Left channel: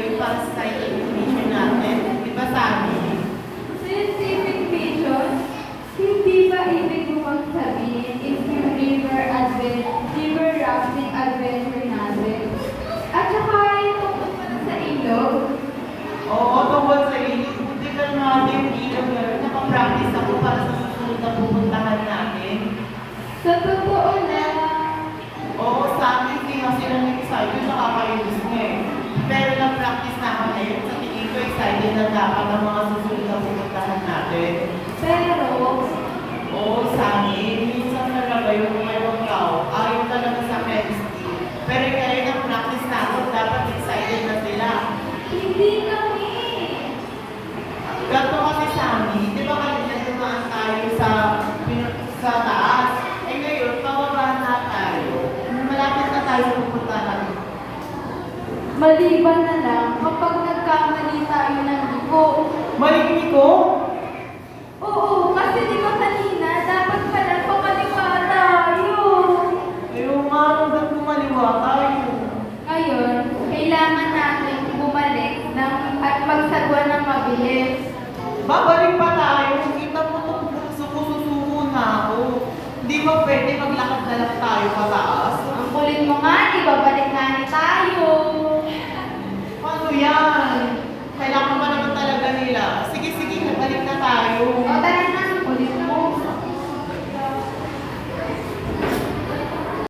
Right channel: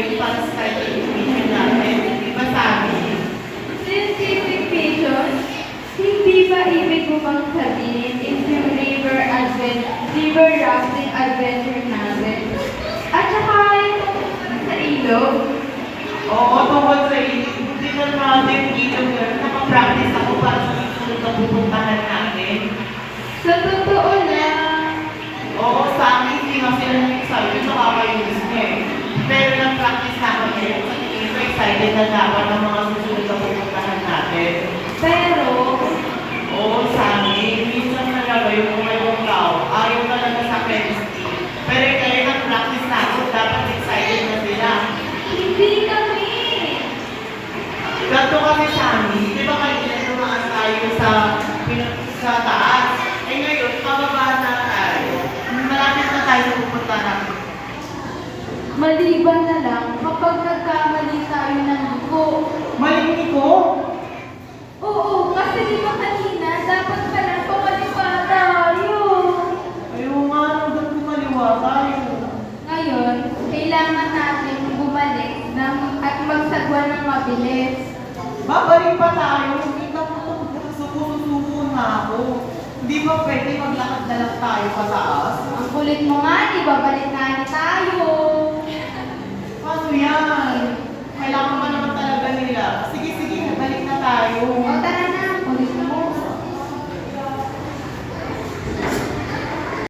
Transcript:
yung pang-start education natin. Di ba sabi? Scientific vision, hindi ba ibig mo bang sabihin if yung river rafting adventure natin? At saka yung tungkol sa ilog? Oo, tungkol sa tingnan natin dito girl, nakapractice ako para sa susunod na pupuntahan natin. Sa totoo lang, Oo, sa akin, hindi nga sila excited, nakakainis niya eh. Pero nag-practice na ako ngayon, sa tingin ko excited na dapat ang mga susunod na pupuntahan natin. pero Oo, sa akin, minsan talaga yung mga ibang tao, ayaw talaga sa chemistry. Pero kayo nag-practice na ako, dapat excited na sila. hindi kami. Ganto kasi sa amin, di ba kayo pinatumaan tayo sa taas? Eh ngayon, pababa na tayo. Malapit na tayo sa pupuntahan. Maliban na lang kapag nagkamali tayo ng dugo. Maligni ko? Oo, kasi di ba kanina, dapat pala pumalipa tayo. Yung nga, hanggang kumaliwa tayo. Ngayon, kailangan natin bumalik at magsagwa ng mabilis. Babalik pa tayo. Kita mo, suko-suko na ako. Hindi ba pwede maglakad na lang tayo pataas? Ang kulit mo nga, di babalik na ni tayo. Paano yan? Kailangan pa naman talaga nila. Sige, balik na tayo.